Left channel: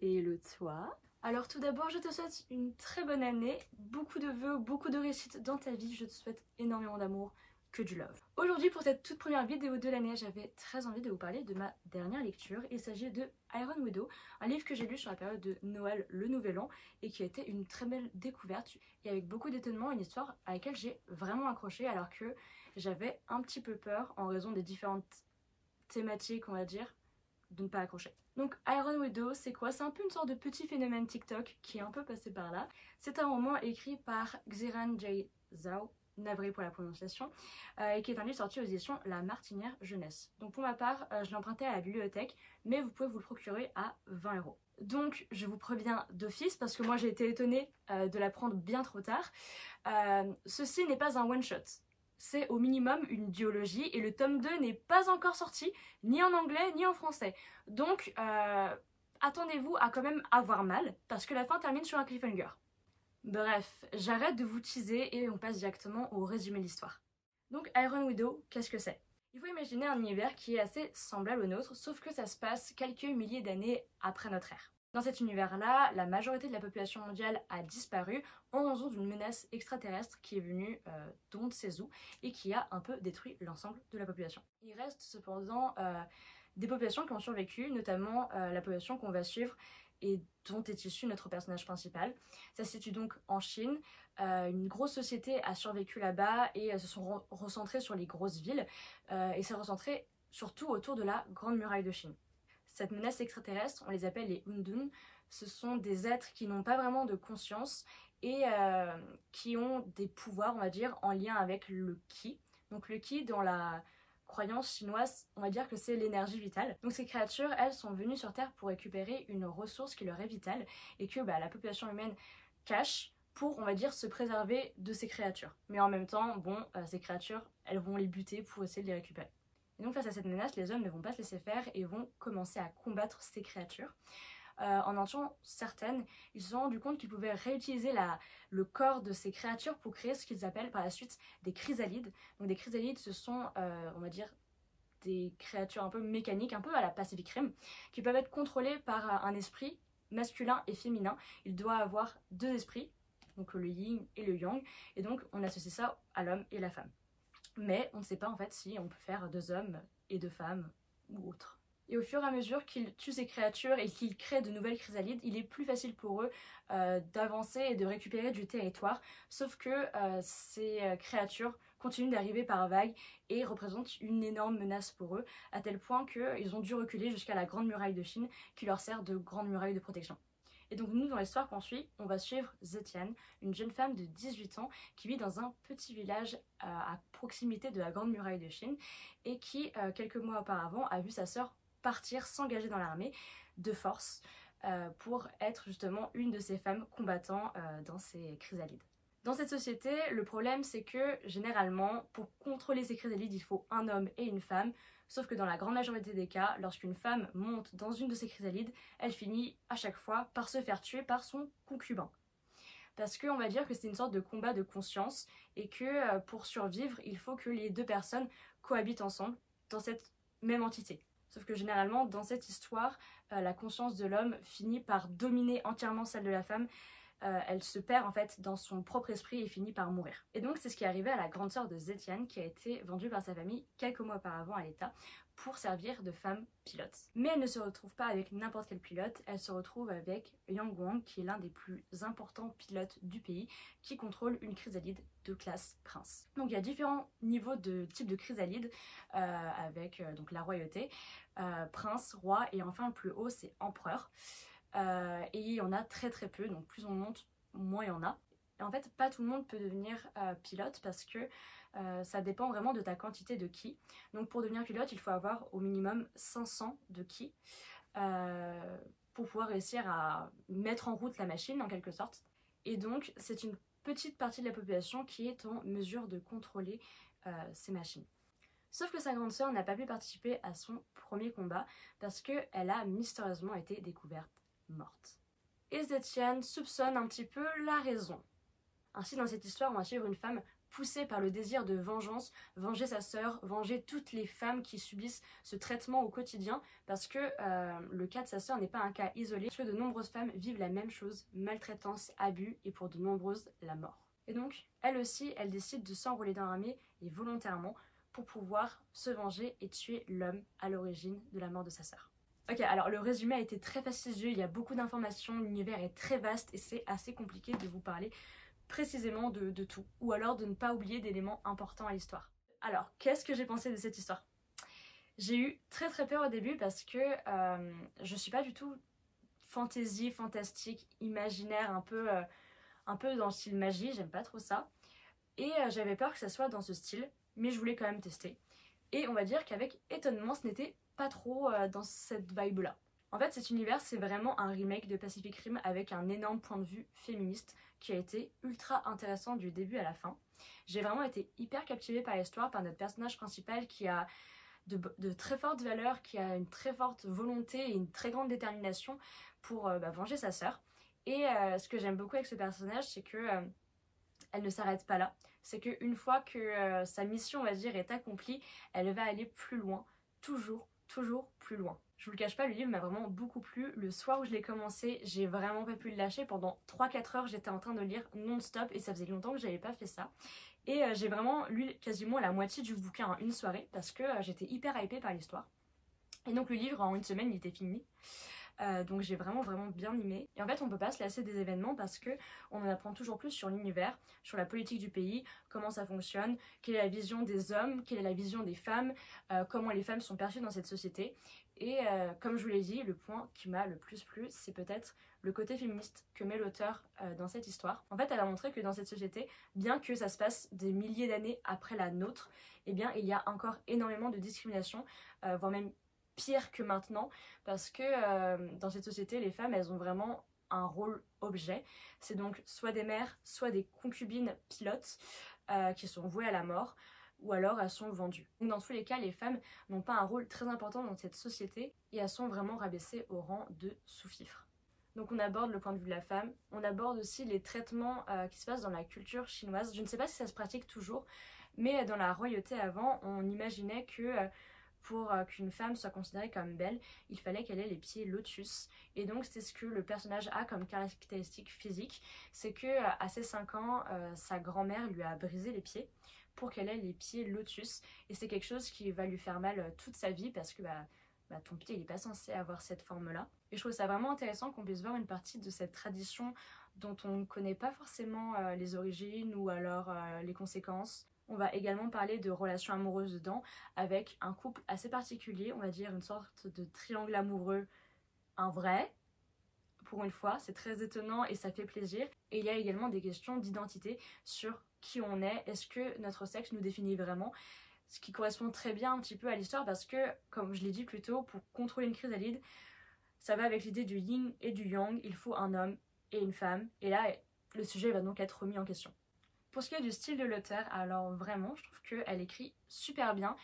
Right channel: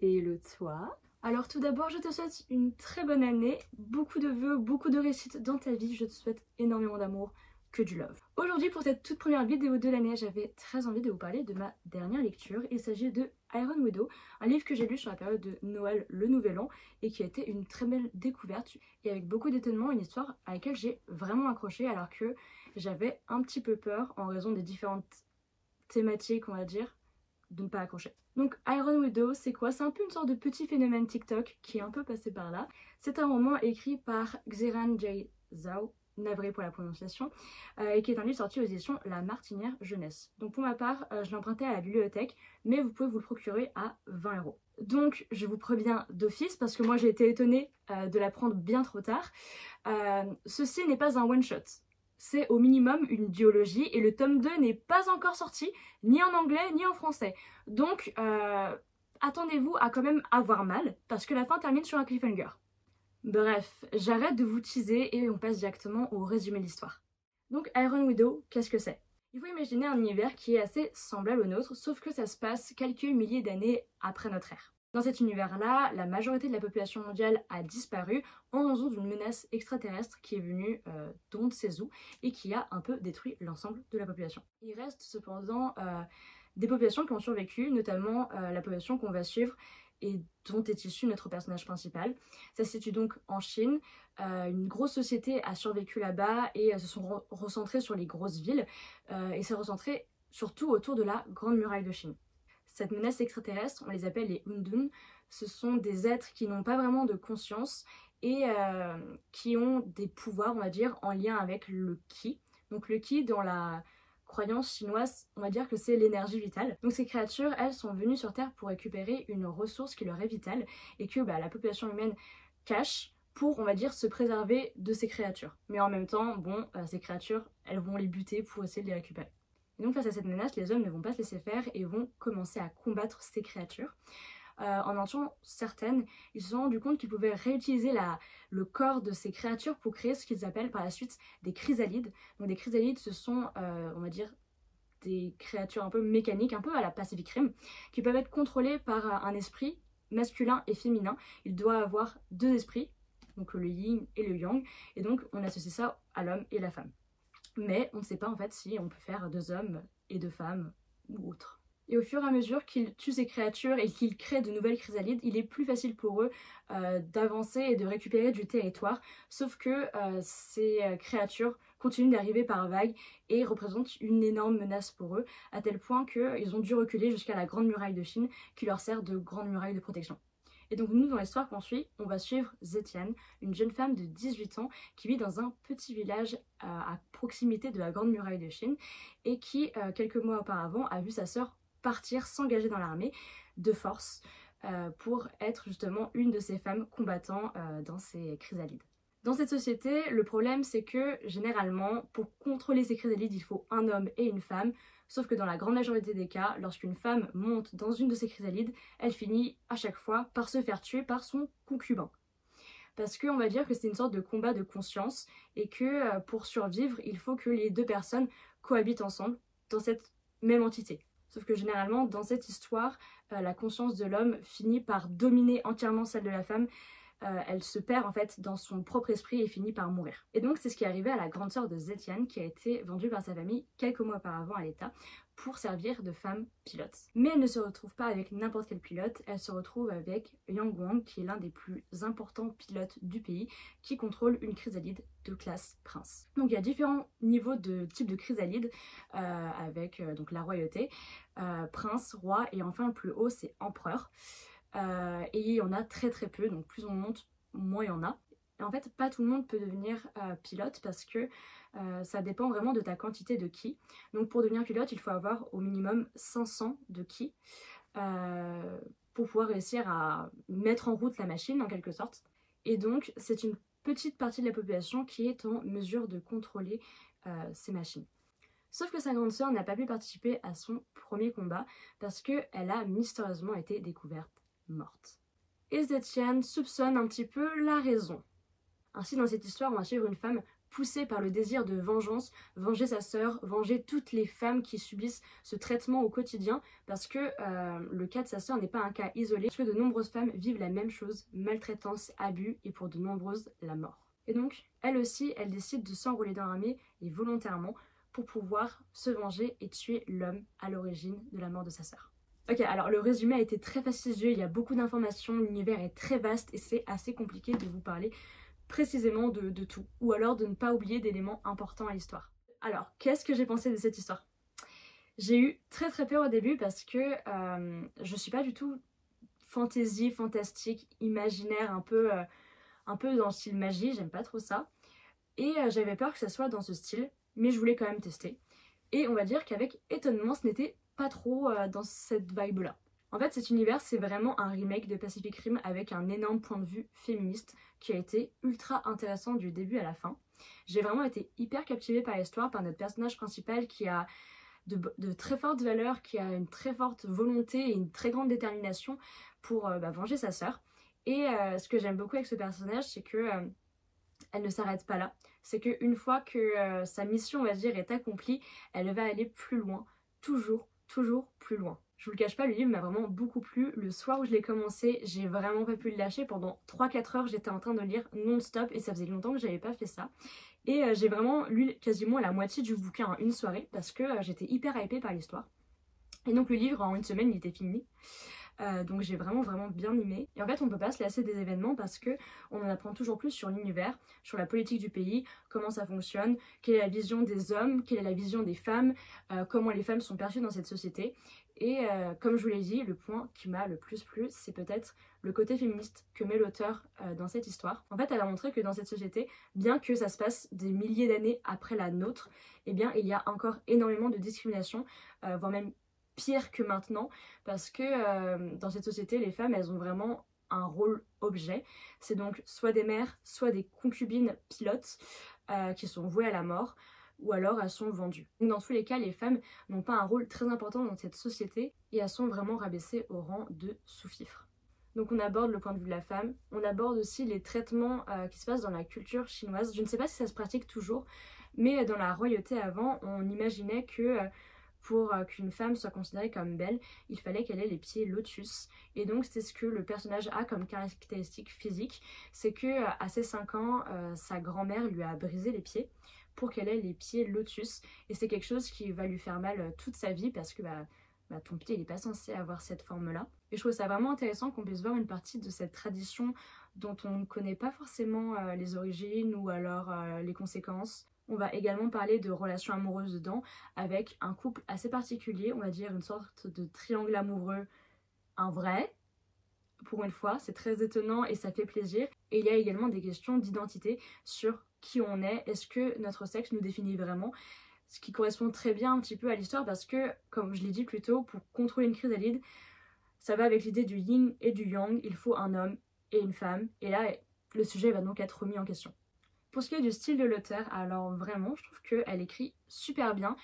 Et le toi? Alors tout d'abord, je te souhaite une très bonne année, beaucoup de vœux, beaucoup de réussite dans ta vie, je te souhaite énormément d'amour, que du love. Aujourd'hui, pour cette toute première vidéo de l'année, j'avais très envie de vous parler de ma dernière lecture. Il s'agit de Iron Widow, un livre que j'ai lu sur la période de Noël, le Nouvel An, et qui a été une très belle découverte, et avec beaucoup d'étonnement, une histoire à laquelle j'ai vraiment accroché, alors que j'avais un petit peu peur, en raison des différentes thématiques, on va dire, de ne pas accrocher. Donc Iron Widow, c'est quoi? C'est un peu une sorte de petit phénomène TikTok qui est un peu passé par là. C'est un roman écrit par Xiran Jay Zhao, navré pour la prononciation, et qui est un livre sorti aux éditions La Martinière Jeunesse. Donc pour ma part, je l'ai emprunté à la bibliothèque, mais vous pouvez vous le procurer à 20 €. Donc je vous préviens d'office, parce que moi j'ai été étonnée de la prendre bien trop tard. Ceci n'est pas un one-shot. C'est au minimum une duologie et le tome 2 n'est pas encore sorti, ni en anglais ni en français. Donc attendez-vous à quand même avoir mal, parce que la fin termine sur un cliffhanger. Bref, j'arrête de vous teaser et on passe directement au résumé de l'histoire. Donc Iron Widow, qu'est-ce que c'est? Il faut imaginer un univers qui est assez semblable au nôtre, sauf que ça se passe quelques milliers d'années après notre ère. Dans cet univers-là, la majorité de la population mondiale a disparu en raison d'une menace extraterrestre qui est venue d'on ne sait où et qui a un peu détruit l'ensemble de la population. Il reste cependant des populations qui ont survécu, notamment la population qu'on va suivre et dont est issu notre personnage principal. Ça se situe donc en Chine. Une grosse société a survécu là-bas et se sont recentrées sur les grosses villes et s'est recentrée surtout autour de la Grande Muraille de Chine. Cette menace extraterrestre, on les appelle les Undun. Ce sont des êtres qui n'ont pas vraiment de conscience et qui ont des pouvoirs, on va dire, en lien avec le Qi. Donc le Qi, dans la croyance chinoise, on va dire que c'est l'énergie vitale. Donc ces créatures, elles sont venues sur Terre pour récupérer une ressource qui leur est vitale et que la population humaine cache pour, on va dire, se préserver de ces créatures. Mais en même temps, bon, ces créatures, elles vont les buter pour essayer de les récupérer. Et donc face à cette menace, les hommes ne vont pas se laisser faire et vont commencer à combattre ces créatures. En en tuant certaines, ils se sont rendus compte qu'ils pouvaient réutiliser le corps de ces créatures pour créer ce qu'ils appellent par la suite des chrysalides. Donc des chrysalides, ce sont, on va dire, des créatures un peu mécaniques, un peu à la Pacific Rim, qui peuvent être contrôlées par un esprit masculin et féminin. Il doit avoir deux esprits, donc le yin et le yang, et donc on associe ça à l'homme et la femme. Mais on ne sait pas en fait si on peut faire deux hommes et deux femmes ou autre. Et au fur et à mesure qu'ils tuent ces créatures et qu'ils créent de nouvelles chrysalides, il est plus facile pour eux d'avancer et de récupérer du territoire. Sauf que ces créatures continuent d'arriver par vagues et représentent une énorme menace pour eux, à tel point qu'ils ont dû reculer jusqu'à la Grande Muraille de Chine, qui leur sert de grande muraille de protection. Et donc nous, dans l'histoire qu'on suit, on va suivre Zetian, une jeune femme de 18 ans qui vit dans un petit village à proximité de la Grande Muraille de Chine et qui, quelques mois auparavant, a vu sa sœur partir, s'engager dans l'armée de force pour être justement une de ces femmes combattant dans ces chrysalides. Dans cette société, le problème c'est que généralement, pour contrôler ces chrysalides, il faut un homme et une femme. Sauf que dans la grande majorité des cas, lorsqu'une femme monte dans une de ces chrysalides, elle finit à chaque fois par se faire tuer par son concubin. Parce qu'on va dire que c'est une sorte de combat de conscience et que pour survivre, il faut que les deux personnes cohabitent ensemble dans cette même entité. Sauf que généralement, dans cette histoire, la conscience de l'homme finit par dominer entièrement celle de la femme. Elle se perd en fait dans son propre esprit et finit par mourir. Et donc c'est ce qui est arrivé à la grande sœur de Zetian qui a été vendue par sa famille quelques mois auparavant à l'État pour servir de femme pilote. Mais elle ne se retrouve pas avec n'importe quel pilote, elle se retrouve avec Yang Guang qui est l'un des plus importants pilotes du pays qui contrôle une chrysalide de classe prince. Donc il y a différents niveaux de type de chrysalide avec donc la royauté, prince, roi et enfin le plus haut c'est empereur. Et il y en a très très peu, donc plus on monte, moins il y en a. Et en fait, pas tout le monde peut devenir pilote parce que ça dépend vraiment de ta quantité de ki. Donc pour devenir pilote, il faut avoir au minimum 500 de ki pour pouvoir réussir à mettre en route la machine en quelque sorte. Et donc c'est une petite partie de la population qui est en mesure de contrôler ces machines. Sauf que sa grande sœur n'a pas pu participer à son premier combat parce qu'elle a mystérieusement été découverte morte. Et Zetian soupçonne un petit peu la raison. Ainsi, dans cette histoire, on va suivre une femme poussé par le désir de vengeance, venger sa sœur, venger toutes les femmes qui subissent ce traitement au quotidien, parce que le cas de sa sœur n'est pas un cas isolé, parce que de nombreuses femmes vivent la même chose, maltraitance, abus et pour de nombreuses, la mort. Et donc, elle aussi, elle décide de s'enrôler dans l'armée, et volontairement, pour pouvoir se venger et tuer l'homme à l'origine de la mort de sa sœur. Ok, alors le résumé a été très fastidieux, il y a beaucoup d'informations, l'univers est très vaste et c'est assez compliqué de vous parler précisément de tout, ou alors de ne pas oublier d'éléments importants à l'histoire. Alors, qu'est-ce que j'ai pensé de cette histoire? J'ai eu très peur au début parce que je suis pas du tout fantasy, fantastique, imaginaire, un peu dans le style magie, j'aime pas trop ça. Et j'avais peur que ça soit dans ce style, mais je voulais quand même tester. Et on va dire qu'avec étonnement, ce n'était pas trop dans cette vibe-là. En fait, cet univers, c'est vraiment un remake de Pacific Rim avec un énorme point de vue féministe qui a été ultra intéressant du début à la fin. J'ai vraiment été hyper captivée par l'histoire, par notre personnage principal qui a de très fortes valeurs, qui a une très forte volonté et une très grande détermination pour venger sa sœur. Et ce que j'aime beaucoup avec ce personnage, c'est que elle ne s'arrête pas là. C'est qu'une fois que sa mission, on va dire, est accomplie, elle va aller plus loin, toujours plus loin. Je vous le cache pas, le livre m'a vraiment beaucoup plu. Le soir où je l'ai commencé, j'ai vraiment pas pu le lâcher. Pendant 3-4 heures, j'étais en train de lire non-stop et ça faisait longtemps que j'avais pas fait ça. Et j'ai vraiment lu quasiment la moitié du bouquin en une soirée parce que j'étais hyper hypée par l'histoire. Et donc le livre, en une semaine, il était fini. Donc j'ai vraiment bien aimé. Et en fait on peut pas se lasser des événements parce que on en apprend toujours plus sur l'univers, sur la politique du pays, comment ça fonctionne, quelle est la vision des hommes, quelle est la vision des femmes, comment les femmes sont perçues dans cette société. Et comme je vous l'ai dit, le point qui m'a le plus plu, c'est peut-être le côté féministe que met l'auteur dans cette histoire. En fait, elle a montré que dans cette société, bien que ça se passe des milliers d'années après la nôtre, eh bien il y a encore énormément de discrimination, voire même pire que maintenant, parce que dans cette société, les femmes, elles ont vraiment un rôle objet. C'est donc soit des mères, soit des concubines pilotes qui sont vouées à la mort, ou alors elles sont vendues. Donc dans tous les cas, les femmes n'ont pas un rôle très important dans cette société et elles sont vraiment rabaissées au rang de sous-fifres. Donc on aborde le point de vue de la femme, on aborde aussi les traitements qui se passent dans la culture chinoise. Je ne sais pas si ça se pratique toujours, mais dans la royauté avant, on imaginait que pour qu'une femme soit considérée comme belle, il fallait qu'elle ait les pieds lotus. Et donc c'est ce que le personnage a comme caractéristique physique, c'est que à ses 5 ans, sa grand-mère lui a brisé les pieds pour qu'elle ait les pieds lotus. Et c'est quelque chose qui va lui faire mal toute sa vie parce que ton pied il n'est pas censé avoir cette forme-là. Et je trouve ça vraiment intéressant qu'on puisse voir une partie de cette tradition dont on ne connaît pas forcément les origines ou alors les conséquences. On va également parler de relations amoureuses dedans avec un couple assez particulier, on va dire une sorte de triangle amoureux, un vrai, pour une fois, c'est très étonnant et ça fait plaisir. Et il y a également des questions d'identité sur qui on est, est-ce que notre sexe nous définit vraiment, ce qui correspond très bien un petit peu à l'histoire parce que, comme je l'ai dit plus tôt, pour contrôler une chrysalide, ça va avec l'idée du yin et du yang, il faut un homme et une femme, et là le sujet va donc être remis en question. Pour ce qui est du style de l'auteur, alors vraiment je trouve qu'elle écrit super bien,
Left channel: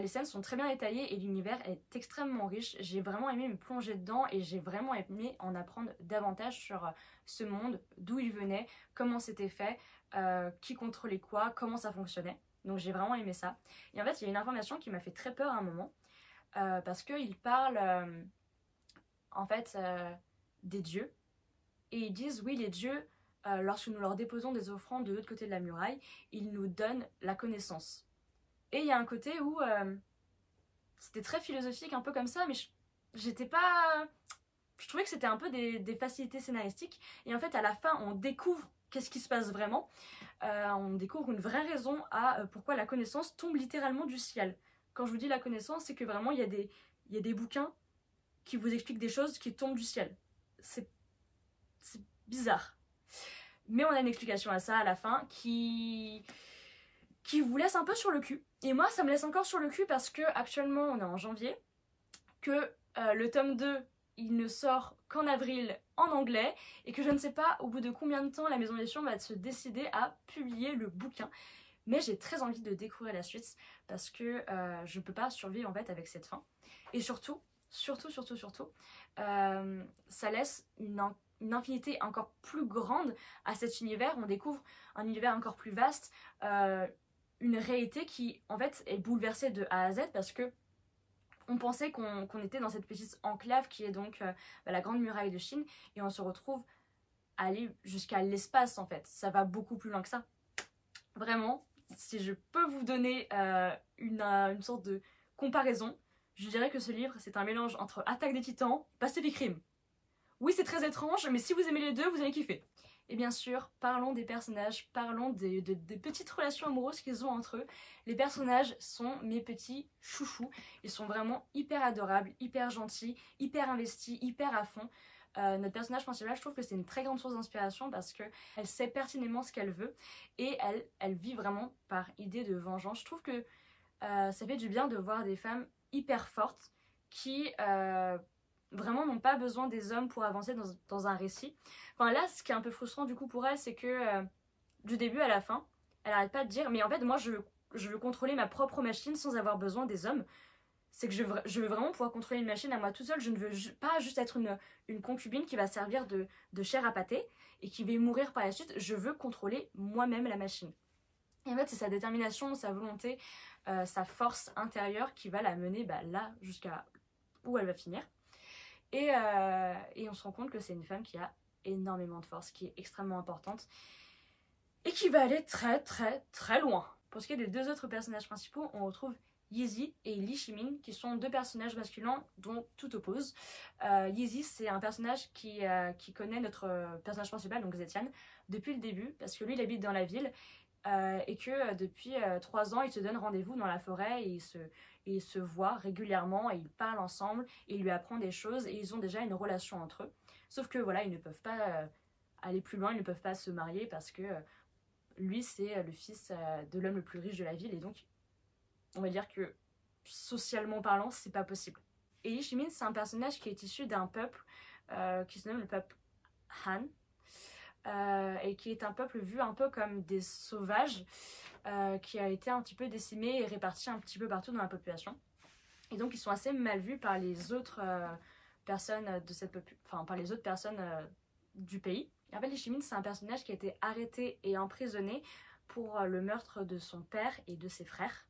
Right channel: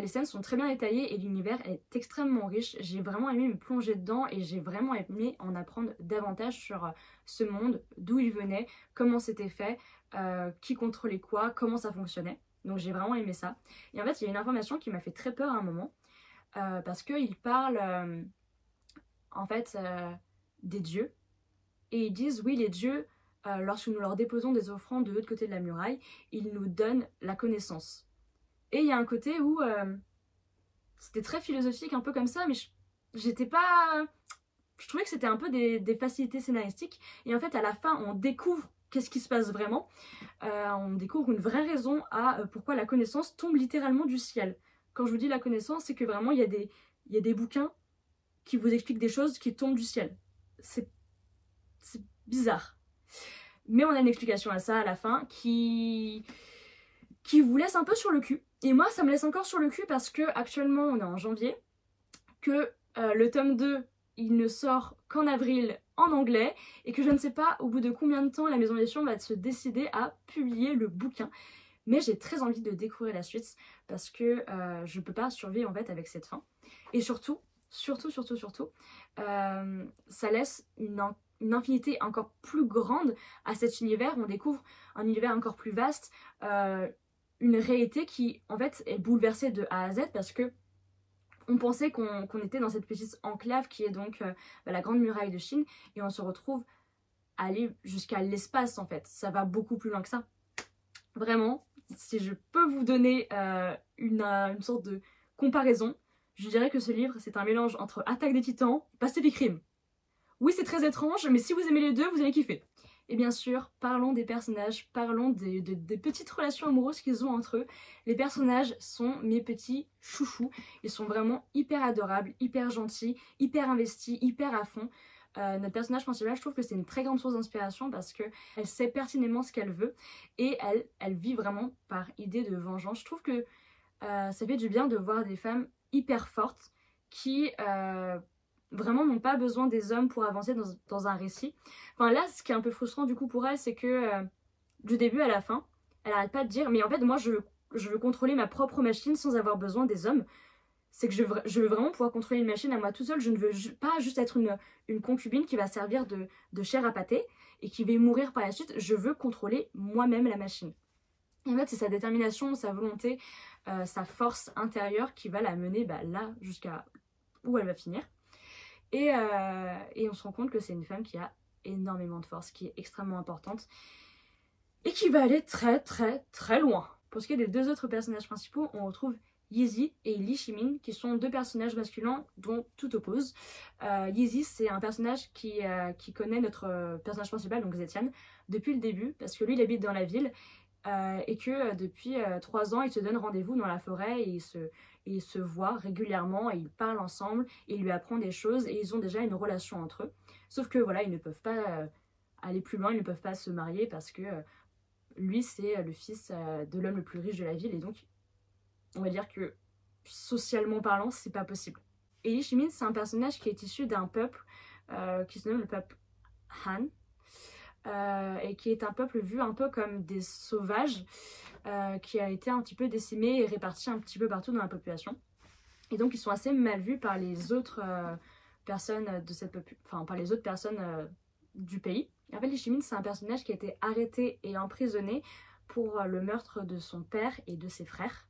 les scènes sont très bien détaillées et l'univers est extrêmement riche. J'ai vraiment aimé me plonger dedans et j'ai vraiment aimé en apprendre davantage sur ce monde, d'où il venait, comment c'était fait, qui contrôlait quoi, comment ça fonctionnait. Donc j'ai vraiment aimé ça. Et en fait il y a une information qui m'a fait très peur à un moment, parce qu'il parle en fait des dieux, et ils disent oui les dieux, lorsque nous leur déposons des offrandes de l'autre côté de la muraille, ils nous donnent la connaissance. Et il y a un côté où c'était très philosophique, un peu comme ça, mais j'étais pas... Je trouvais que c'était un peu des facilités scénaristiques. Et en fait, à la fin, on découvre qu'est-ce qui se passe vraiment. On découvre une vraie raison à pourquoi la connaissance tombe littéralement du ciel. Quand je vous dis la connaissance, c'est que vraiment, il y a des bouquins qui vous expliquent des choses qui tombent du ciel. C'est bizarre. Mais on a une explication à ça à la fin qui vous laisse un peu sur le cul. Et moi ça me laisse encore sur le cul parce que actuellement on est en janvier, que le tome 2 il ne sort qu'en avril en anglais et que je ne sais pas au bout de combien de temps la maison d'édition va se décider à publier le bouquin. Mais j'ai très envie de découvrir la suite parce que je ne peux pas survivre en fait avec cette fin. Et surtout, ça laisse une une infinité encore plus grande à cet univers. On découvre un univers encore plus vaste, une réalité qui en fait est bouleversée de A à Z parce que on pensait qu'on était dans cette petite enclave qui est donc la Grande Muraille de Chine et on se retrouve à aller jusqu'à l'espace en fait. Ça va beaucoup plus loin que ça. Vraiment, si je peux vous donner une sorte de comparaison, je dirais que ce livre c'est un mélange entre Attaque des Titans et Pacific Rim. Oui, c'est très étrange, mais si vous aimez les deux, vous allez kiffer. Et bien sûr, parlons des personnages, parlons des petites relations amoureuses qu'ils ont entre eux. Les personnages sont mes petits chouchous. Ils sont vraiment hyper adorables, hyper gentils, hyper investis, hyper à fond. Notre personnage principal, je trouve que c'est une très grande source d'inspiration parce qu'elle sait pertinemment ce qu'elle veut et elle vit vraiment par idée de vengeance. Je trouve que ça fait du bien de voir des femmes hyper fortes qui vraiment n'ont pas besoin des hommes pour avancer dans un récit. Enfin là, ce qui est un peu frustrant du coup pour elle, c'est que du début à la fin, elle arrête pas de dire mais en fait moi je veux contrôler ma propre machine sans avoir besoin des hommes. C'est que je veux vraiment pouvoir contrôler une machine à moi tout seul. Je ne veux pas juste être une concubine qui va servir de chair à pâté et qui va mourir par la suite. Je veux contrôler moi-même la machine. Et en fait, c'est sa détermination, sa volonté, sa force intérieure qui va la mener là jusqu'à où elle va finir. Et on se rend compte que c'est une femme qui a énormément de force, qui est extrêmement importante et qui va aller très très très loin. Pour ce qui est des deux autres personnages principaux, on retrouve Yeezy et Li Shimin qui sont deux personnages masculins dont tout oppose. Yeezy c'est un personnage qui connaît notre personnage principal, donc Zetian, depuis le début parce que lui il habite dans la ville et que depuis 3 ans ils se donnent rendez-vous dans la forêt et ils se voient régulièrement et ils parlent ensemble et il lui apprend des choses et ils ont déjà une relation entre eux. Sauf que voilà, ils ne peuvent pas aller plus loin, ils ne peuvent pas se marier parce que lui c'est le fils de l'homme le plus riche de la ville et donc on va dire que socialement parlant c'est pas possible. Et Li Shimin c'est un personnage qui est issu d'un peuple qui se nomme le peuple Han et qui est un peuple vu un peu comme des sauvages qui a été un petit peu décimé et réparti un petit peu partout dans la population. Et donc ils sont assez mal vus par les autres personnes de cette enfin par les autres personnes du pays. Et en fait, Li Shimin c'est un personnage qui a été arrêté et emprisonné pour le meurtre de son père et de ses frères.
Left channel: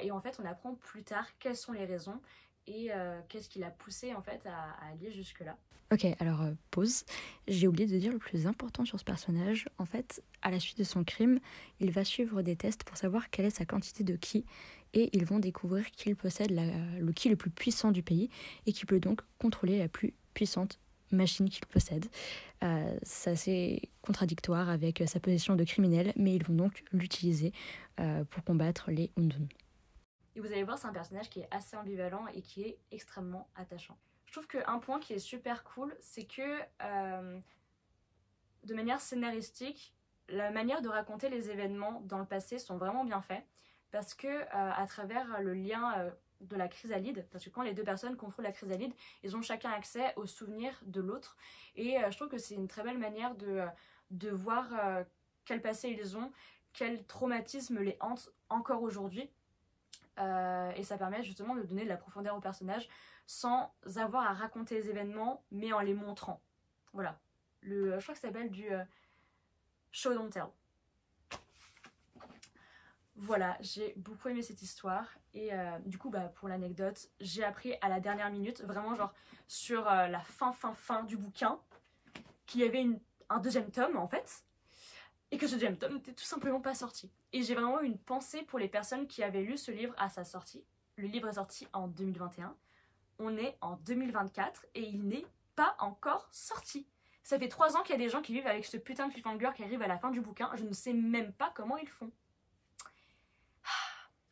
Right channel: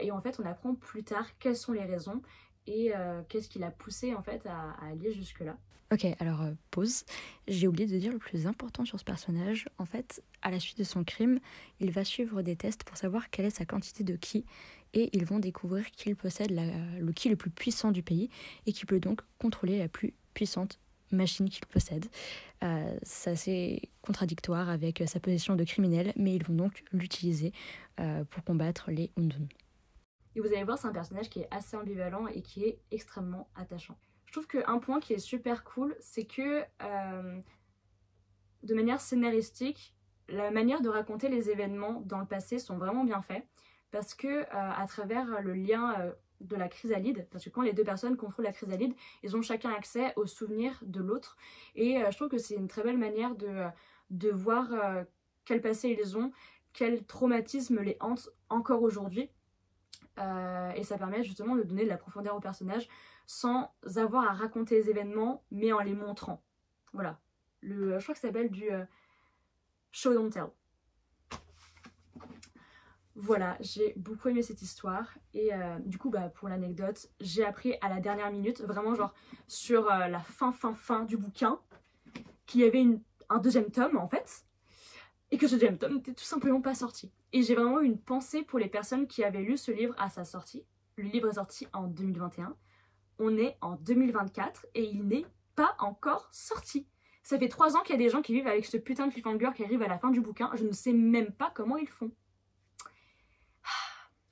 Et en fait, on apprend plus tard quelles sont les raisons et qu'est-ce qui l'a poussé en fait à aller jusque-là. Ok, alors pause. J'ai oublié de dire le plus important sur ce personnage. En fait, à la suite de son crime, il va suivre des tests pour savoir quelle est sa quantité de ki et ils vont découvrir qu'il possède le ki le plus puissant du pays et qui peut donc contrôler la plus puissante machine qu'il possède. C'est assez contradictoire avec sa position de criminel, mais ils vont donc l'utiliser pour combattre les Undun. Et vous allez voir, c'est un personnage qui est assez ambivalent et qui est extrêmement attachant. Je trouve qu'un point qui est super cool, c'est que de manière scénaristique, la manière de raconter les événements dans le passé sont vraiment bien faits parce que à travers le lien de la chrysalide, parce que quand les deux personnes contrôlent la chrysalide, ils ont chacun accès aux souvenirs de l'autre et je trouve que c'est une très belle manière de voir quel passé ils ont, quel traumatisme les hante encore aujourd'hui. Et ça permet justement de donner de la profondeur au personnage sans avoir à raconter les événements mais en les montrant. Voilà, je crois que ça s'appelle du show don't tell. Voilà, j'ai beaucoup aimé cette histoire et du coup pour l'anecdote, j'ai appris à la dernière minute, vraiment genre sur la fin du bouquin, qu'il y avait un deuxième tome en fait et que ce deuxième tome n'était tout simplement pas sorti. Et j'ai vraiment eu une pensée pour les personnes qui avaient lu ce livre à sa sortie. Le livre est sorti en 2021, on est en 2024 et il n'est pas encore sorti. Ça fait 3 ans qu'il y a des gens qui vivent avec ce putain de cliffhanger qui arrive à la fin du bouquin, je ne sais même pas comment ils font.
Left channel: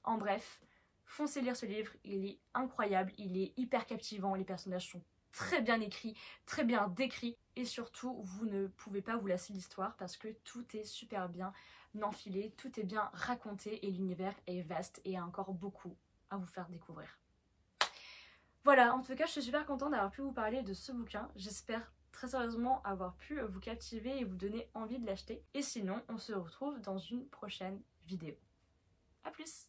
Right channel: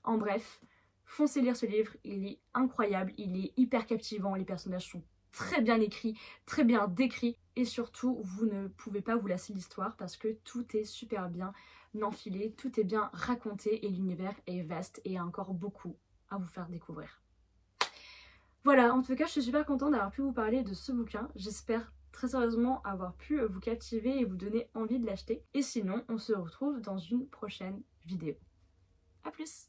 En bref, foncez lire ce livre, il est incroyable, il est hyper captivant, les personnages sont très bien écrits, très bien décrits et surtout vous ne pouvez pas vous lasser l'histoire parce que tout est super bien enfilé, tout est bien raconté et l'univers est vaste et a encore beaucoup à vous faire découvrir. Voilà, en tout cas je suis super contente d'avoir pu vous parler de ce bouquin, j'espère très sérieusement avoir pu vous captiver et vous donner envie de l'acheter et sinon on se retrouve dans une prochaine vidéo. A plus!